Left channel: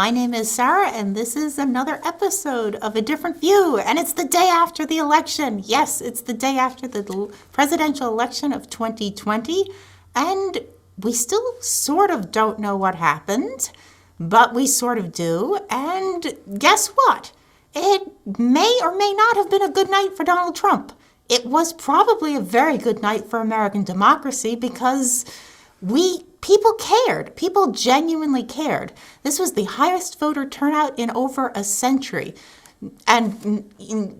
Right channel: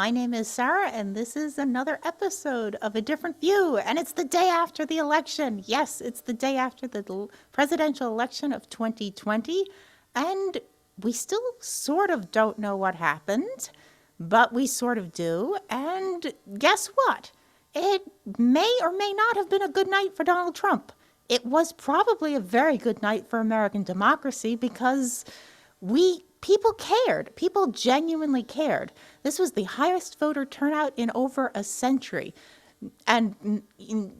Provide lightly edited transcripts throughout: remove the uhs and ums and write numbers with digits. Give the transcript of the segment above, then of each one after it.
My name is Sarah, and this is another episode of A Different View. And it's the day after the election. Yes, it's the day after the presidential election of 2020. And we still sort of don't know what happened, but we sort of do. And guess what? It may or may not have been a good night for Donald Trump. It was probably a very good night for American democracy because people cared. People genuinely cared. This was the highest voter turnout in over a century. And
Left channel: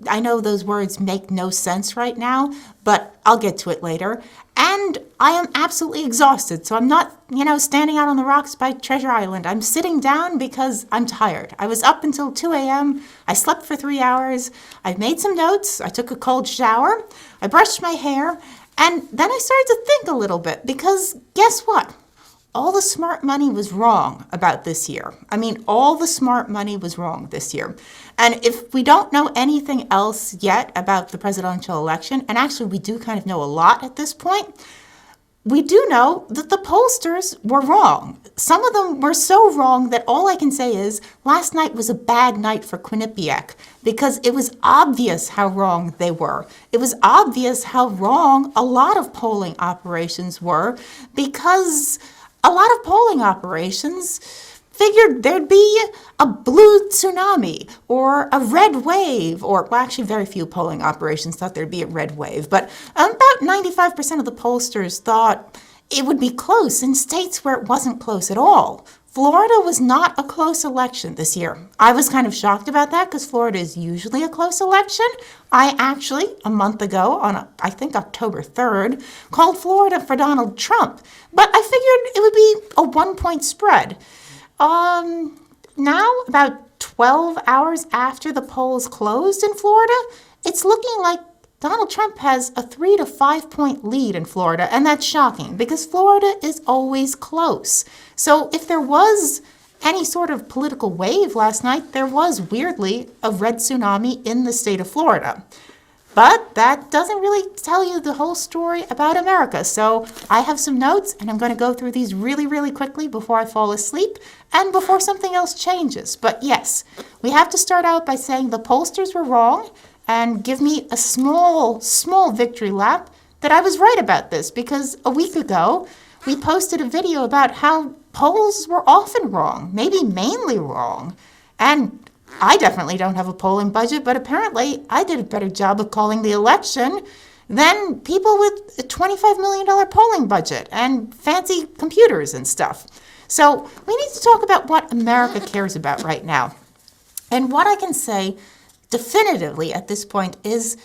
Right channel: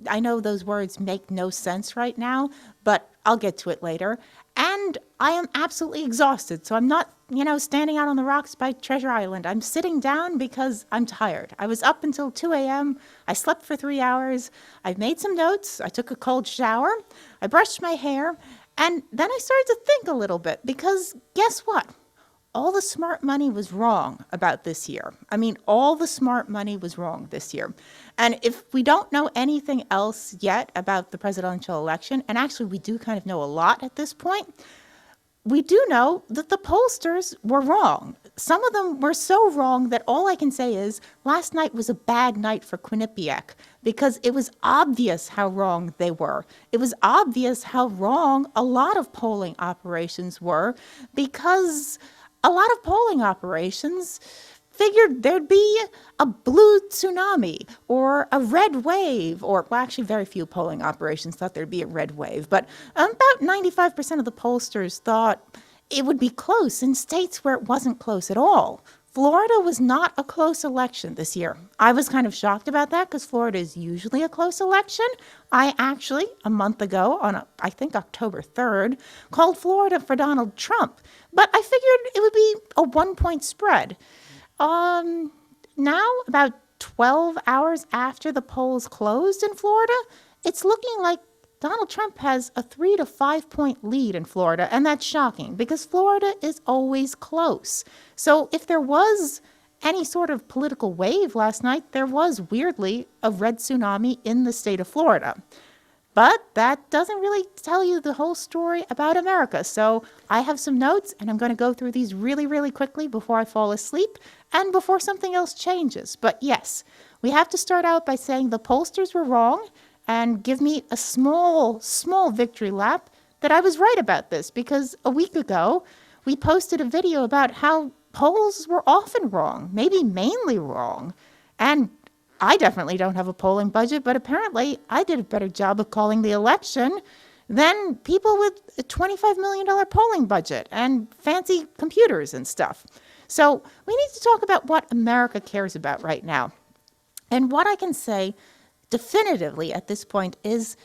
I know those words make no sense right now, but I'll get to it later. And I am absolutely exhausted, so I'm not, standing out on the rocks by Treasure Island. I'm sitting down because I'm tired. I was up until 2 a.m. I slept for 3 hours. I made some notes. I took a cold shower. I brushed my hair. And then I started to think a little bit because guess what? All the smart money was wrong about this year. All the smart money was wrong this year. And if we don't know anything else yet about the presidential election, and actually we do kind of know a lot at this point, we do know that the pollsters were wrong. Some of them were so wrong that all I can say is last night was a bad night for Quinnipiac because it was obvious how wrong they were. It was obvious how wrong a lot of polling operations were because a lot of polling operations figured there'd be a blue tsunami or a red wave, actually very few polling operations thought there'd be a red wave, but about 95% of the pollsters thought it would be close in states where it wasn't close at all. Florida was not a close election this year. I was kind of shocked about that because Florida is usually a close election. I actually, a month ago, on I think October 3rd, called Florida for Donald Trump. But I figured it would be a 1-point spread. Now, about 12 hours after the polls closed in Florida, it's looking like Donald Trump has a 3 to 5 point lead in Florida, and that's shocking because Florida is always close. So if there was any sort of political wave last night, there was, weirdly, a red tsunami in the state of Florida. But that doesn't really tell you the whole story about America. So I have some notes, and I'm going to go through these really, really quickly before I fall asleep and before something else changes. But yes, we have to start out by saying the pollsters were wrong and give me a small victory lap that I was right about this because a week ago we posted a video about how polls were often wrong, maybe mainly wrong. And I definitely don't have a polling budget, but apparently I did a better job of calling the election than people with a $25 million polling budget and fancy computers and stuff. So we need to talk about what America cares about right now. And what I can say definitively at this point is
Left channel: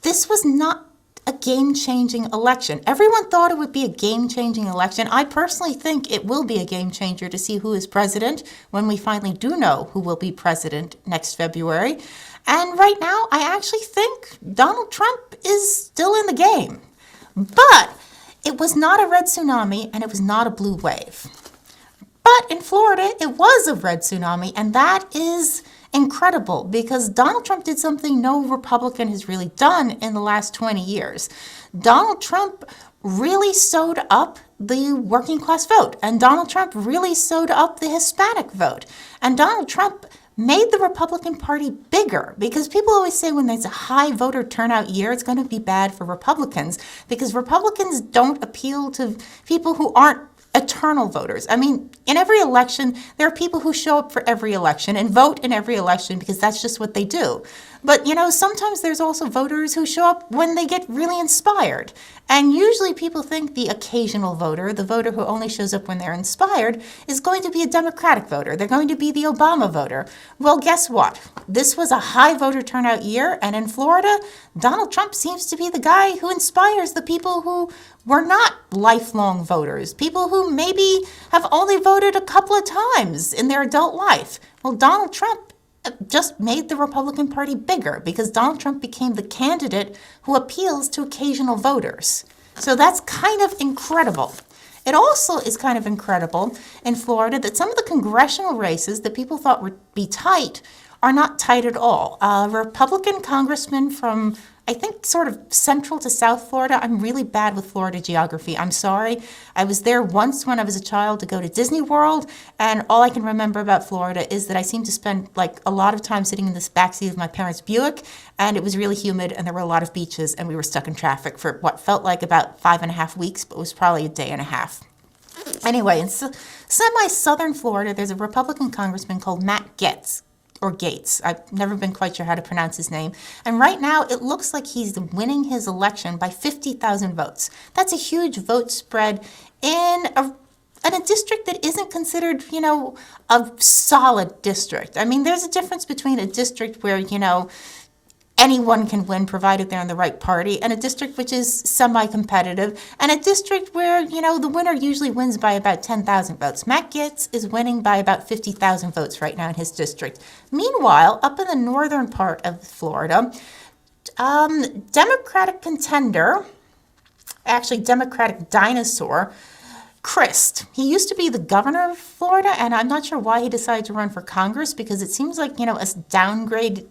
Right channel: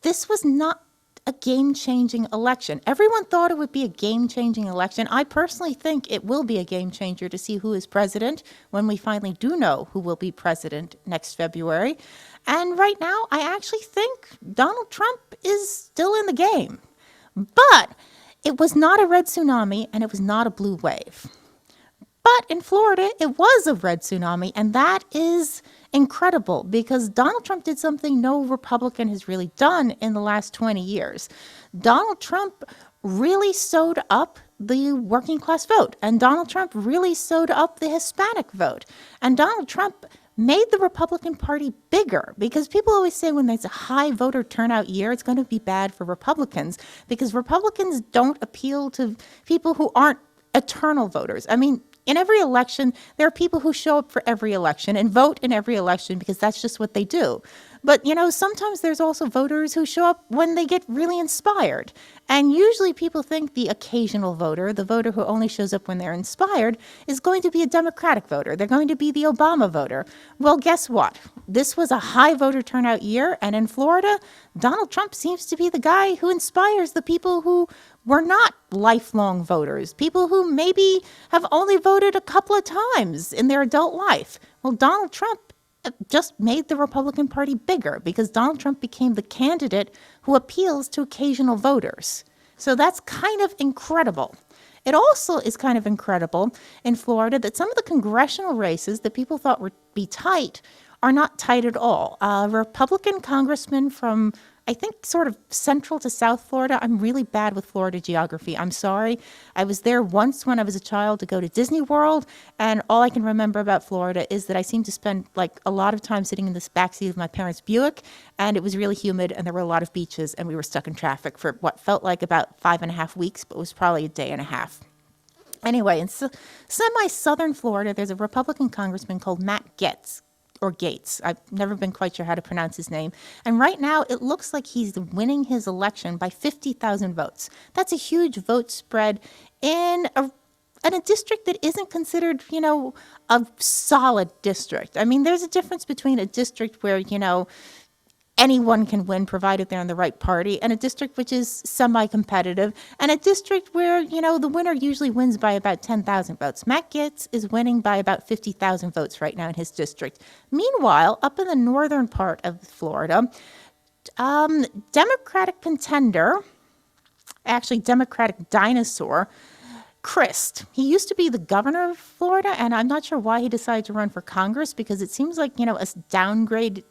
this was not a game-changing election. Everyone thought it would be a game-changing election. I personally think it will be a game-changer to see who is president when we finally do know who will be president next February. And right now, I actually think Donald Trump is still in the game. But it was not a red tsunami and it was not a blue wave. But in Florida, it was a red tsunami, and that is incredible because Donald Trump did something no Republican has really done in the last 20 years. Donald Trump really sewed up the working class vote, and Donald Trump really sewed up the Hispanic vote, and Donald Trump made the Republican Party bigger because people always say when there's a high voter turnout year, it's going to be bad for Republicans because Republicans don't appeal to people who aren't eternal voters. In every election, there are people who show up for every election and vote in every election because that's just what they do. But, sometimes there's also voters who show up when they get really inspired. And usually people think the occasional voter, the voter who only shows up when they're inspired, is going to be a Democratic voter. They're going to be the Obama voter. Well, guess what? This was a high voter turnout year, and in Florida, Donald Trump seems to be the guy who inspires the people who were not lifelong voters, people who maybe have only voted a couple of times in their adult life. Well, Donald Trump just made the Republican Party bigger because Donald Trump became the candidate who appeals to occasional voters. So that's kind of incredible. It also is kind of incredible in Florida that some of the congressional races that people thought would be tight are not tight at all. A Republican congressman from, I think, sort of central to South Florida. I'm really bad with Florida geography. I'm sorry. I was there once when I was a child to go to Disney World, and all I can remember about Florida is that I seemed to spend like a lot of time sitting in the backseat of my parents' Buick, and it was really humid, and there were a lot of beaches, and we were stuck in traffic for what felt like about 5.5 weeks, but was probably a day and a half. Anyway, in semi-southern Florida, there's a Republican congressman called Matt Gaetz, or Gates. I've never been quite sure how to pronounce his name. And right now, it looks like he's winning his election by 50,000 votes. That's a huge vote spread in a district that isn't considered, a solid district. I mean, there's a difference between a district where, anyone can win provided they're in the right party, and a district which is semi-competitive, and a district where, the winner usually wins by about 10,000 votes. Matt Gaetz is winning by about 50,000 votes right now in his district. Meanwhile, up in the northern part of Florida, Democratic dinosaur, Christ. He used to be the governor of Florida, and I'm not sure why he decided to run for Congress, because it seems like, a downgrade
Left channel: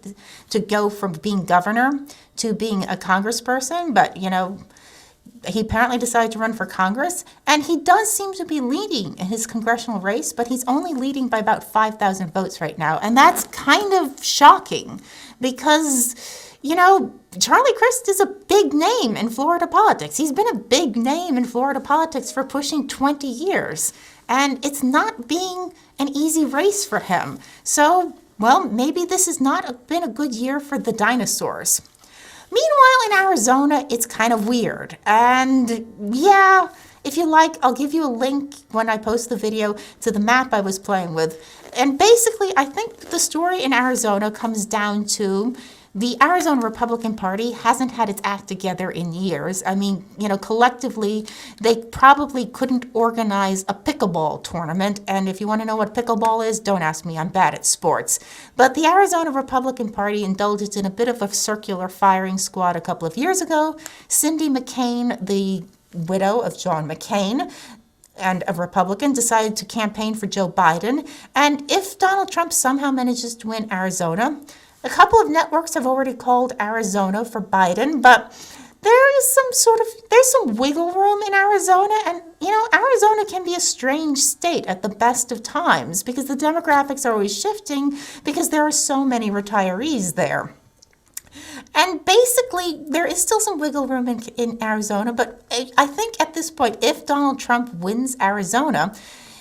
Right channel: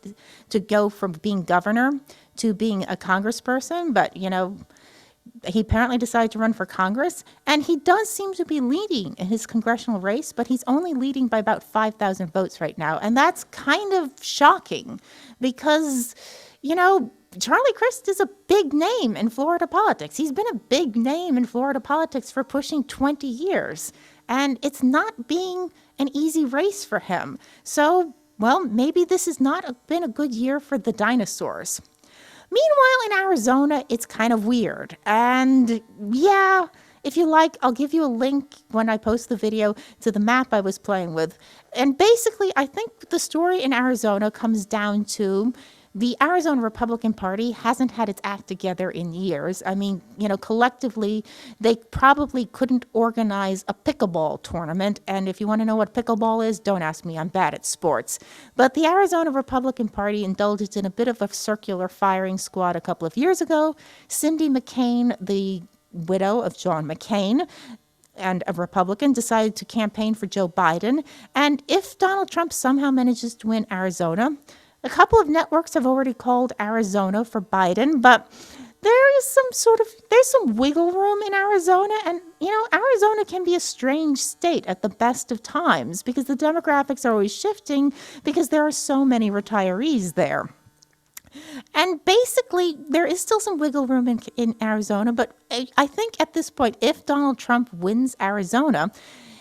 to go from being governor to being a congressperson. But, he apparently decided to run for Congress, and he does seem to be leading in his congressional race, but he's only leading by about 5,000 votes right now. And that's kind of shocking because, Charlie Crist is a big name in Florida politics. He's been a big name in Florida politics for pushing 20 years. And it's not being an easy race for him. So, maybe this has not been a good year for the dinosaurs. Meanwhile, in Arizona, it's kind of weird. And yeah, if you like, I'll give you a link when I post the video to the map I was playing with. And basically, I think the story in Arizona comes down to the Arizona Republican Party hasn't had its act together in years. I mean, collectively, they probably couldn't organize a pickleball tournament. And if you want to know what pickleball is, don't ask me. I'm bad at sports. But the Arizona Republican Party indulged in a bit of a circular firing squad a couple of years ago. Cindy McCain, the widow of John McCain, and a Republican, decided to campaign for Joe Biden. And if Donald Trump somehow manages to win Arizona, a couple of networks have already called Arizona for Biden, but there's some wiggle room in Arizona, and Arizona can be a strange state at the best of times because the demographics are always shifting because there are so many retirees there. And basically, there is still some wiggle room in Arizona, but I think at this point, if Donald Trump wins Arizona,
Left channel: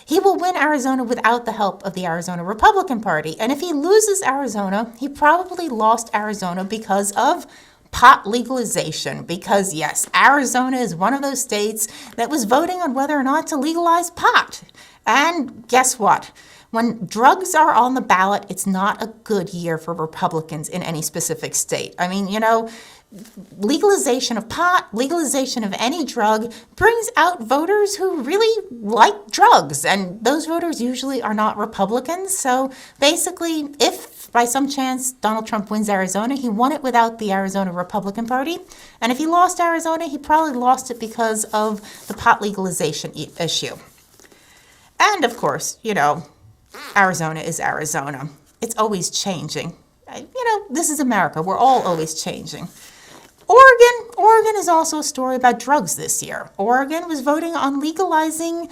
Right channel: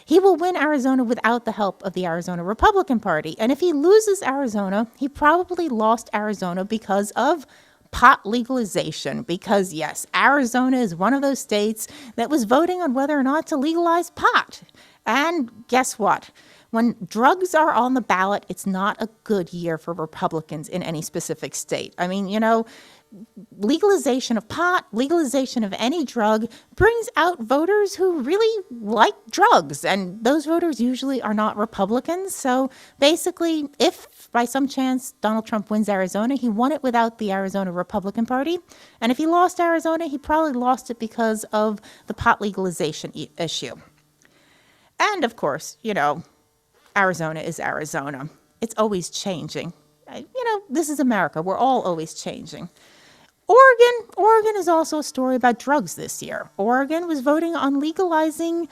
he will win Arizona without the help of the Arizona Republican Party. And if he loses Arizona, he probably lost Arizona because of pot legalization. Because yes, Arizona is one of those states that was voting on whether or not to legalize pot. And guess what? When drugs are on the ballot, it's not a good year for Republicans in any specific state. I mean, legalization of pot, legalization of any drug brings out voters who really like drugs, and those voters usually are not Republicans. So basically, if by some chance Donald Trump wins Arizona, he won it without the Arizona Republican Party. And if he lost Arizona, he probably lost it because of the pot legalization issue. And of course, Arizona is Arizona. It's always changing. This is America. We're all always changing. Oregon is also a story about drugs this year. Oregon was voting on legalizing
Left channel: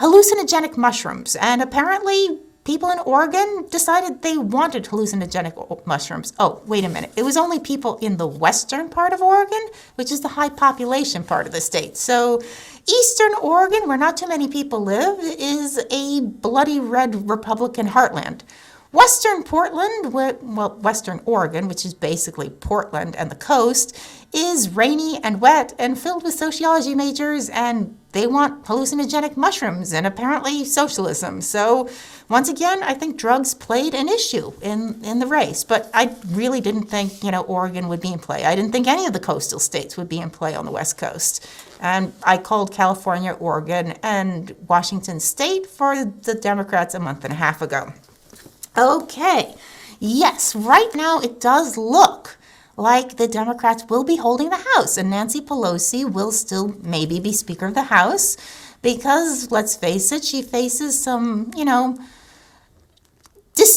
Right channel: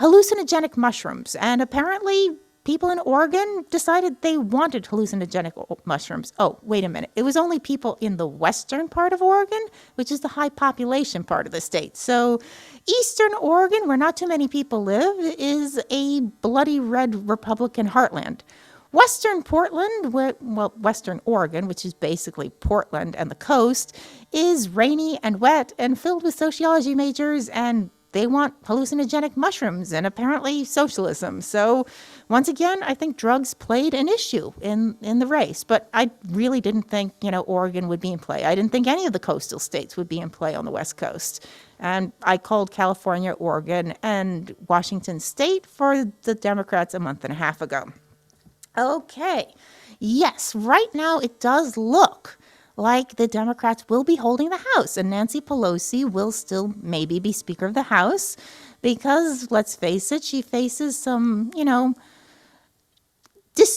hallucinogenic mushrooms, and apparently people in Oregon decided they wanted hallucinogenic mushrooms. Oh, wait a minute. It was only people in the western part of Oregon, which is the high population part of the state. So eastern Oregon, where not too many people live, is a bloody red Republican heartland. Western Oregon, which is basically Portland and the coast, is rainy and wet and filled with sociology majors, and they want hallucinogenic mushrooms and apparently socialism. So once again, I think drugs played an issue in the race, but I really didn't think, Oregon would be in play. I didn't think any of the coastal states would be in play on the West Coast. And I called California, Oregon, and Washington State for the Democrats a month and a half ago. Okay, yes, right now it does look like the Democrats will be holding the House, and Nancy Pelosi will still maybe be Speaker of the House because, let's face it, she faces some,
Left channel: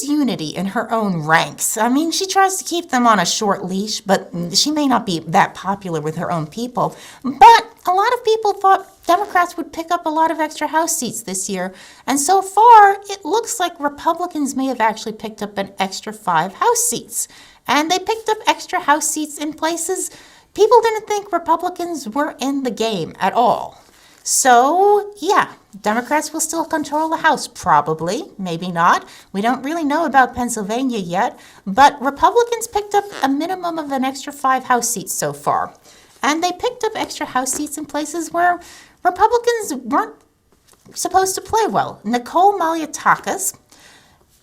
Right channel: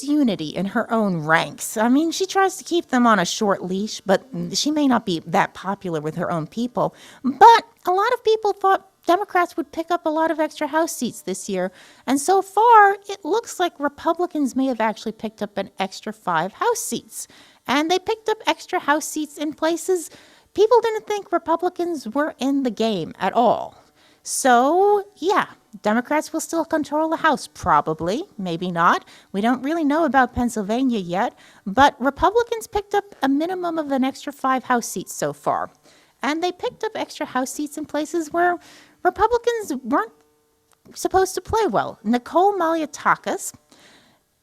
disunity in her own ranks. I mean, she tries to keep them on a short leash, but she may not be that popular with her own people. But a lot of people thought Democrats would pick up a lot of extra House seats this year. And so far, it looks like Republicans may have actually picked up an extra 5 House seats. And they picked up extra House seats in places people didn't think Republicans were in the game at all. So, yeah, Democrats will still control the House, probably, maybe not. We don't really know about Pennsylvania yet, but Republicans picked up a minimum of an extra 5 House seats so far. And they picked up extra House seats in places where Republicans weren't supposed to play well. Nicole Malliotakis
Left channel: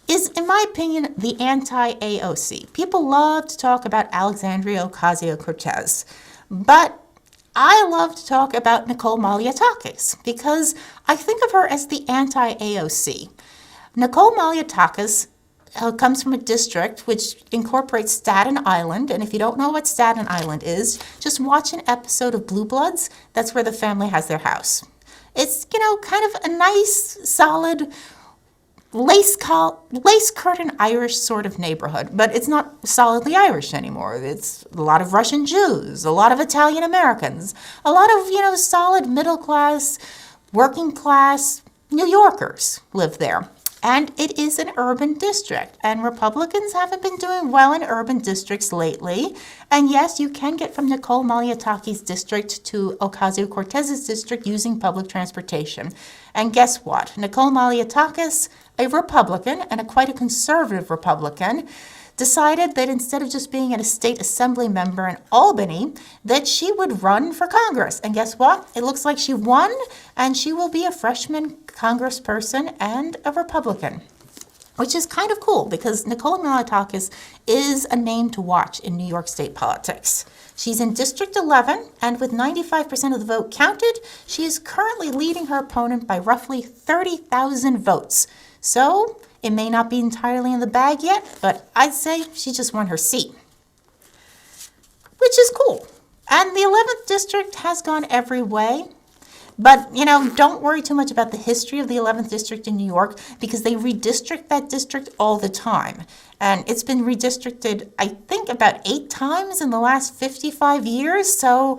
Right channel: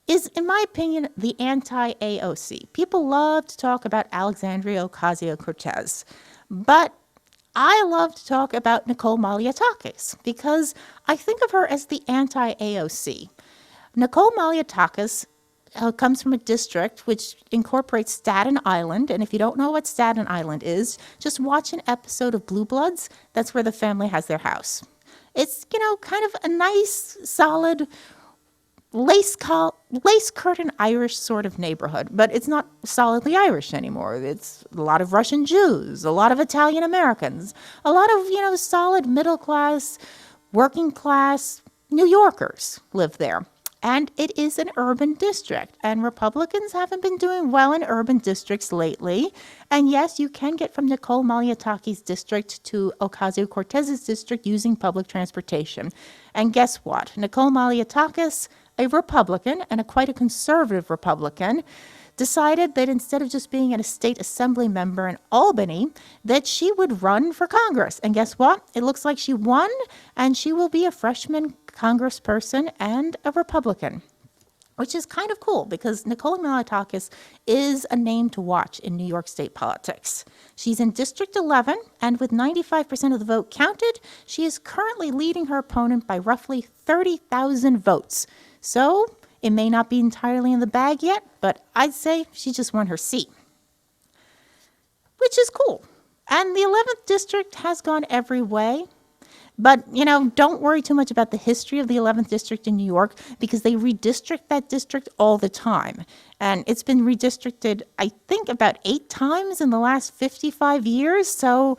is, in my opinion, the anti-AOC. People love to talk about Alexandria Ocasio-Cortez, but I love to talk about Nicole Malliotakis because I think of her as the anti-AOC. Nicole Malliotakis comes from a district which incorporates Staten Island, and if you don't know what Staten Island is, just watch an episode of Blue Bloods. That's where the family has their house. It's, kind of a nice, solid, lace curtain Irish sort of neighborhood, but it's not solidly Irish anymore. It's a lot of Russian Jews, a lot of Italian Americans, a lot of, solid middle class, working class New Yorkers live there. And it is an urban district, and Republicans haven't been doing well in urban districts lately. And yes, you can get from Nicole Malliotakis' district to Ocasio-Cortez's district using public transportation. And guess what? Nicole Malliotakis, a Republican, and quite a conservative Republican, decided that instead of just being a state assembly member in Albany, that she would run for Congress. And guess what? It looks like she won, and she will be a freshman congressperson and a Republican, which is kind of cool because Nicole Malliotakis is a name to watch in New York state politics. She's in District 11, and with 95% of the vote counted, she is currently leading her opponent by roughly 30,000 votes. So it may not be entirely in the bag yet, but I'd say she just won her seat, which is cool. And the 11th district has gone every way. But, don't worry too much about the history of the 11th district in New York because they redistrict that district all the time. And it's been redistricted, I think, about 8 times in the last 55 years. So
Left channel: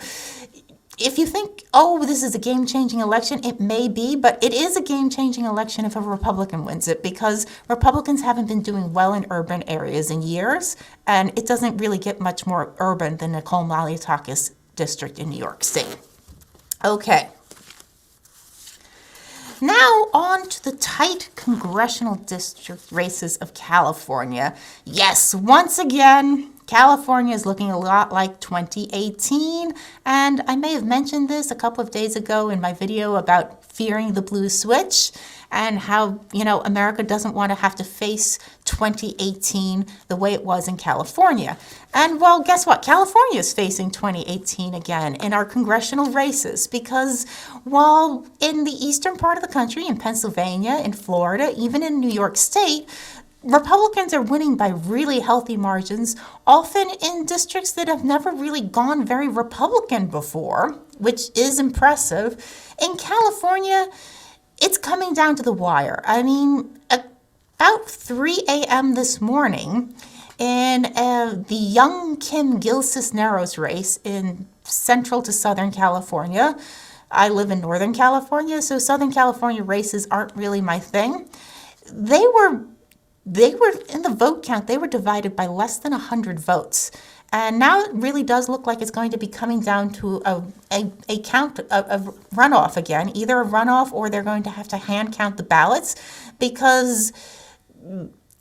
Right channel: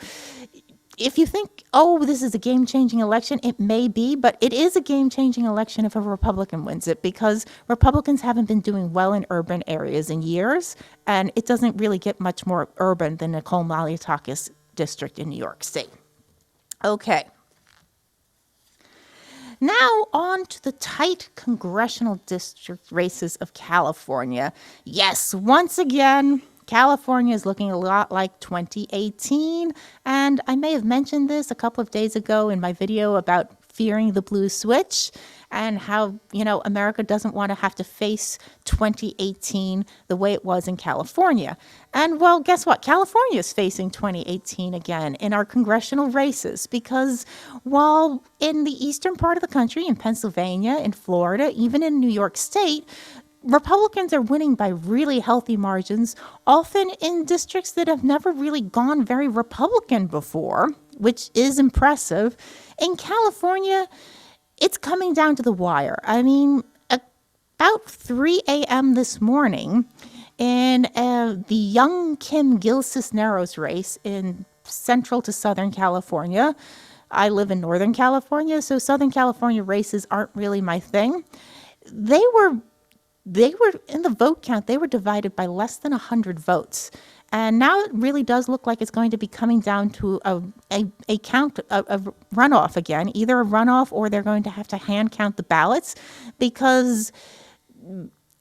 if you think, this is a game-changing election, it may be, but it is a game-changing election if a Republican wins it because Republicans haven't been doing well in urban areas in years, and it doesn't really get much more urban than Nicole Malliotakis' district in New York State. Okay. Now on to the tight congressional district races of California. Yes, once again, California is looking a lot like 2018, and I may have mentioned this a couple of days ago in my video about fearing the blue switch and how, America doesn't want to have to face 2018 the way it was in California. And well, guess what? California is facing 2018 again in our congressional races because while in the eastern part of the country, in Pennsylvania, in Florida, even in New York State, Republicans are winning by really healthy margins, often in districts that have never really gone very Republican before, which is impressive. In California, it's coming down to the wire. I mean, about 3 a.m. this morning, in the young Kim Gil-Cisneros race in central to Southern California, I live in Northern California, so Southern California races aren't really my thing. They were in the vote count, they were divided by less than 100 votes. And now it really does look like it's going to be coming down to a count of runoff again, either a runoff or they're going to have to hand count the ballots because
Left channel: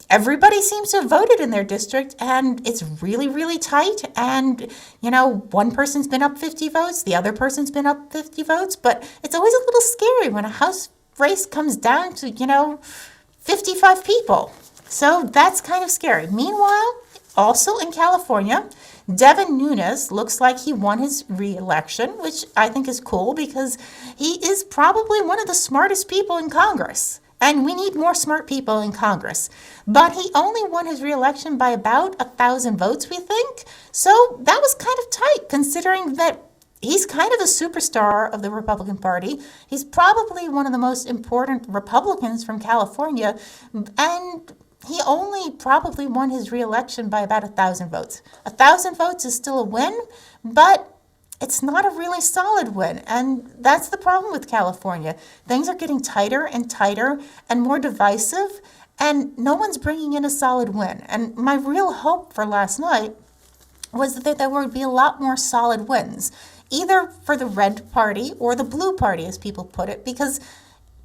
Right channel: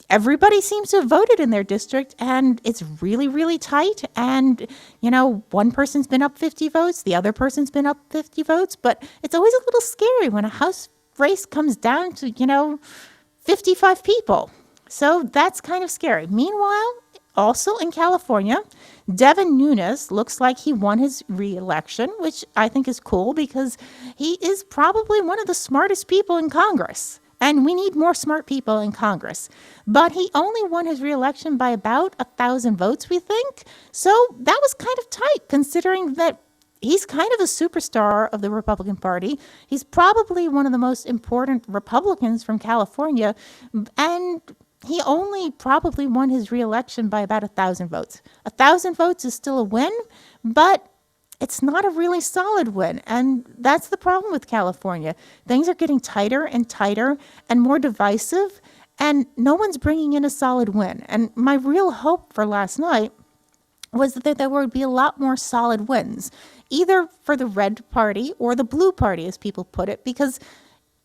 everybody seems to have voted in their district and it's really, really tight. And, one person's been up 50 votes, the other person's been up 50 votes, but it's always a little scary when a House race comes down to, 55 people. So that's kind of scary. Meanwhile, also in California, Devin Nunes looks like he won his re-election, which I think is cool because he is probably one of the smartest people in Congress. And we need more smart people in Congress. But he only won his re-election by about 1,000 votes, we think. So that was kind of tight, considering that he's kind of a superstar of the Republican Party. He's probably one of the most important Republicans from California. And he only probably won his reelection by about 1,000 votes. 1,000 votes is still a win, but it's not a really solid win. And that's the problem with California. Things are getting tighter and tighter and more divisive, and no one's bringing in a solid win. And my real hope for last night was that there would be a lot more solid wins, either for the red party or the blue party, as people put it, because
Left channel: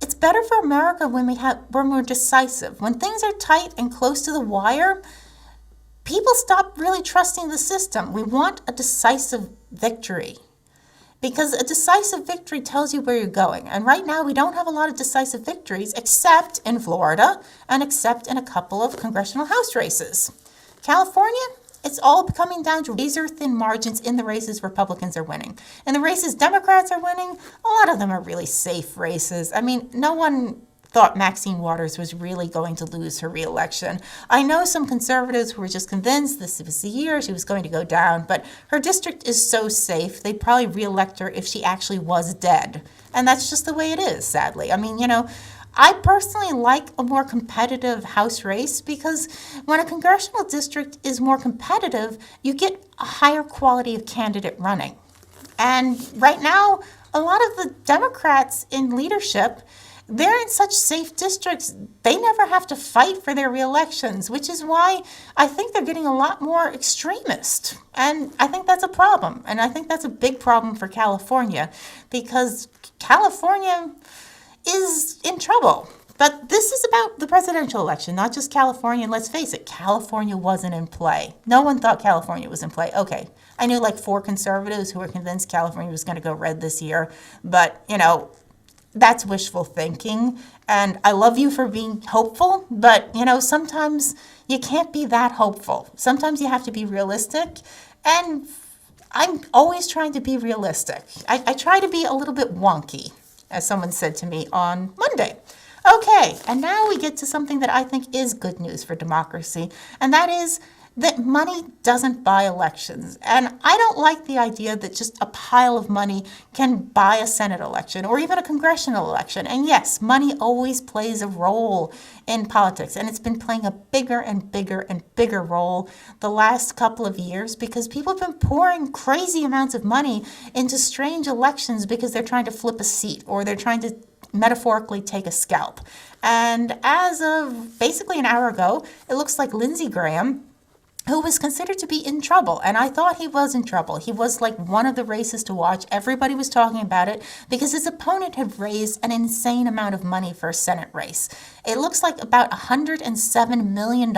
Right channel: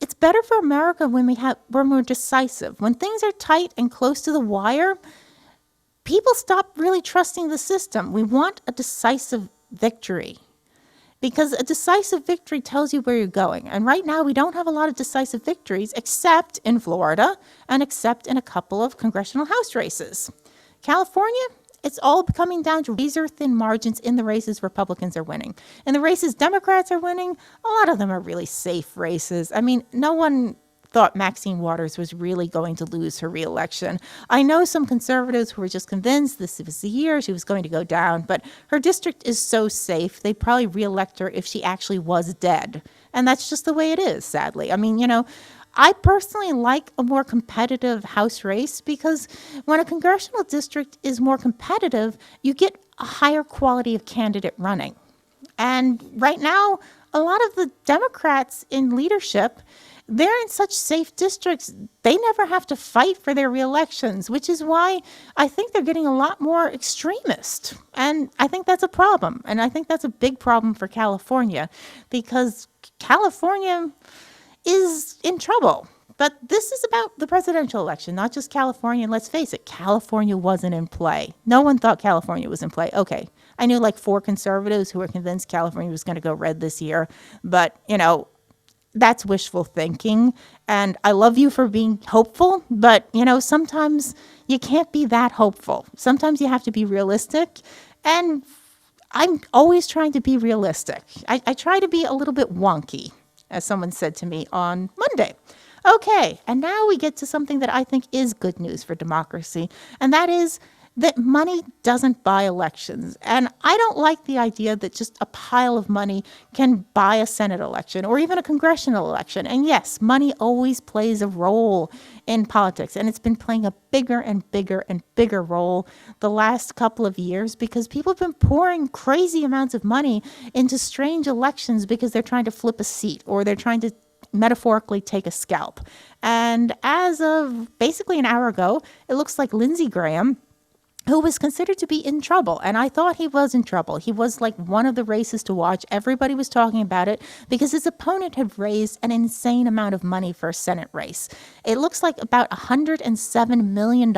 it's better for America when we're more decisive. When things are tight and close to the wire, people stop really trusting the system. We want a decisive victory, because a decisive victory tells you where you're going. And right now, we don't have a lot of decisive victories, except in Florida and except in a couple of congressional House races. California, it's all coming down to razor-thin margins in the races Republicans are winning. In the races Democrats are winning, a lot of them are really safe races. I mean, no one thought Maxine Waters was really going to lose her reelection. I know some conservatives who were just convinced this was the year she was going to go down, but her district is so safe, they'd probably reelect her if she actually was dead. And that's just the way it is, sadly. I mean, I personally like a more competitive House race, because when a congressional district is more competitive, you get a higher quality of candidate running. And right now, a lot of the Democrats in leadership, they're in such safe districts, they never have to fight for their reelections, which is why I think they're getting a lot more extremist. And I think that's a problem. And I think that's a big problem for California, because California is in trouble. But this is about the presidential election, not just California. And let's face it, California wasn't in play. No one thought California was in play. Okay, I knew like 4 conservatives who were convinced California was going to go red this year. But, that's wishful thinking. And I love you for being hopeful, but, sometimes you can't be that hopeful. Sometimes you have to be realistic. And I'm always trying to be realistic. I try to be a little bit wonky, as someone said to me on Monday. Okay, and now we get to something that I think is good news for democracy, and that is that money doesn't buy elections. And I don't like the idea that just a pile of money can buy a Senate election or even a congressional election. And yes, money always plays a role in politics, and it's been playing a bigger and bigger and bigger role the last couple of years, because people have been pouring crazy amounts of money into strange elections because they're trying to flip a seat or they're trying to metaphorically take a scalp. And as of basically an hour ago, it looks like Lindsey Graham, who was considered to be in trouble. And I thought he was in trouble. He was like one of the races to watch. Everybody was talking about it because his opponent had raised an insane amount of money for a Senate race. It looks like about $107 million,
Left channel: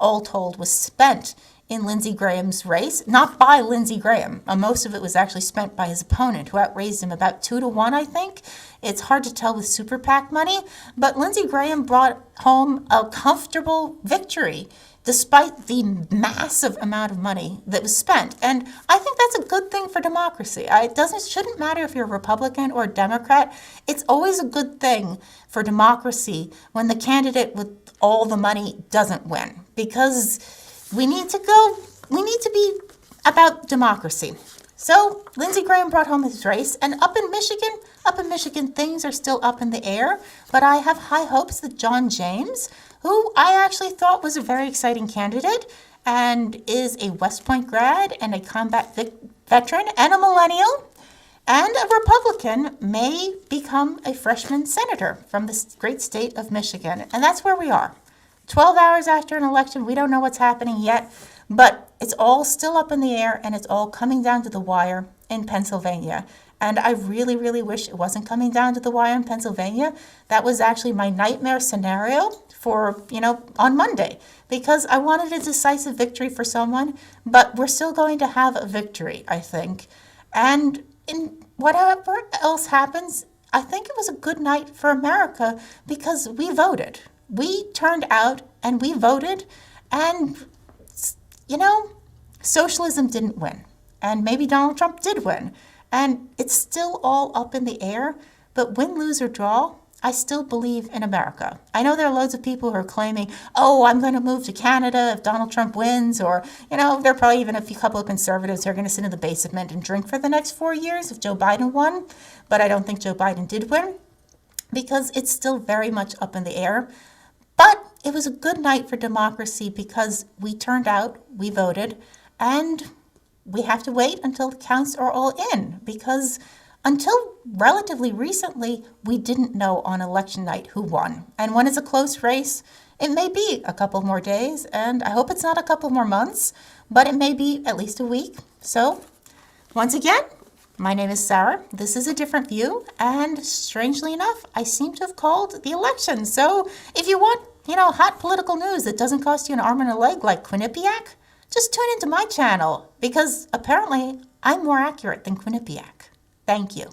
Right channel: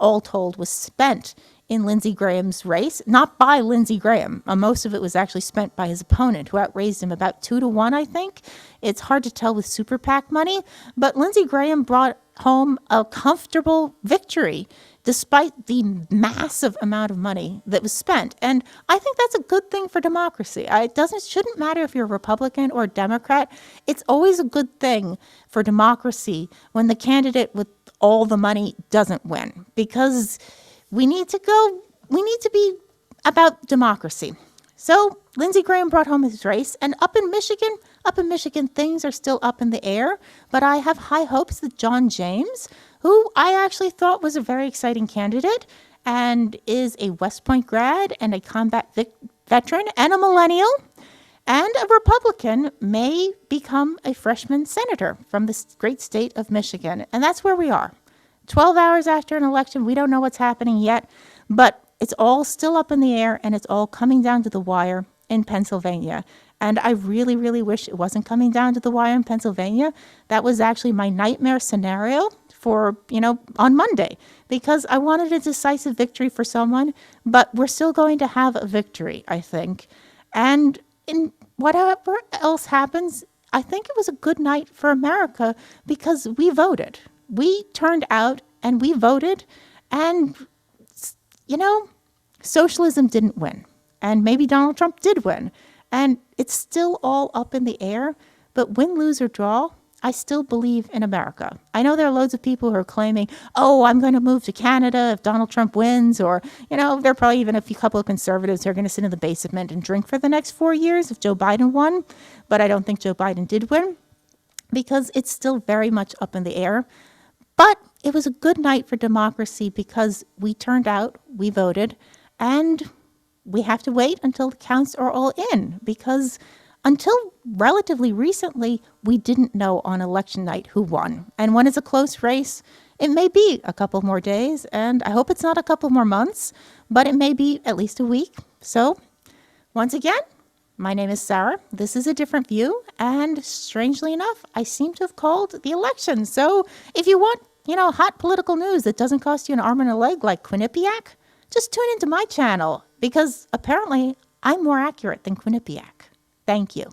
all told, was spent in Lindsey Graham's race, not by Lindsey Graham. Most of it was actually spent by his opponent, who outraised him about 2-1, I think. It's hard to tell with super PAC money, but Lindsey Graham brought home a comfortable victory despite the massive amount of money that was spent. And I think that's a good thing for democracy. It shouldn't matter if you're a Republican or a Democrat. It's always a good thing for democracy when the candidate with all the money doesn't win, because we need to be about democracy. So Lindsey Graham brought home his race, and up in Michigan, things are still up in the air, but I have high hopes that John James, who I actually thought was a very exciting candidate and is a West Point grad and a combat veteran and a millennial and a Republican, may become a freshman senator from the great state of Michigan. And that's where we are. 12 hours after an election, we don't know what's happening yet, but it's all still up in the air, and it's all coming down to the wire in Pennsylvania. And I really, really wish it wasn't coming down to the wire in Pennsylvania. That was actually my nightmare scenario for, on Monday, because I wanted a decisive victory for someone, but we're still going to have a victory, I think. And in whatever else happens, I think it was a good night for America, because we voted. We turned out and we voted, and, socialism didn't win. And maybe Donald Trump did win. And it's still all up in the air, but win, lose, or draw, I still believe in America. I know there are loads of people who are claiming, I'm going to move to Canada if Donald Trump wins, or, there are probably even a couple of conservatives who are going to sit in the basement and drink for the next 4 years if Joe Biden won. But I don't think Joe Biden did win, because it's still very much up in the air. But it was a good night for democracy because we turned out, we voted, and we have to wait until the counts are all in, because until relatively recently, we didn't know on election night who won. And when it's a close race, it may be a couple more days, and I hope it's not a couple more months, but it may be at least a week. So, once again, my name is Sarah. This is A Different View, and strangely enough, I seem to have called the election. So, if you want, hot political news that doesn't cost you an arm and a leg like Quinnipiac, just tune into my channel, because apparently I'm more accurate than Quinnipiac. Thank you.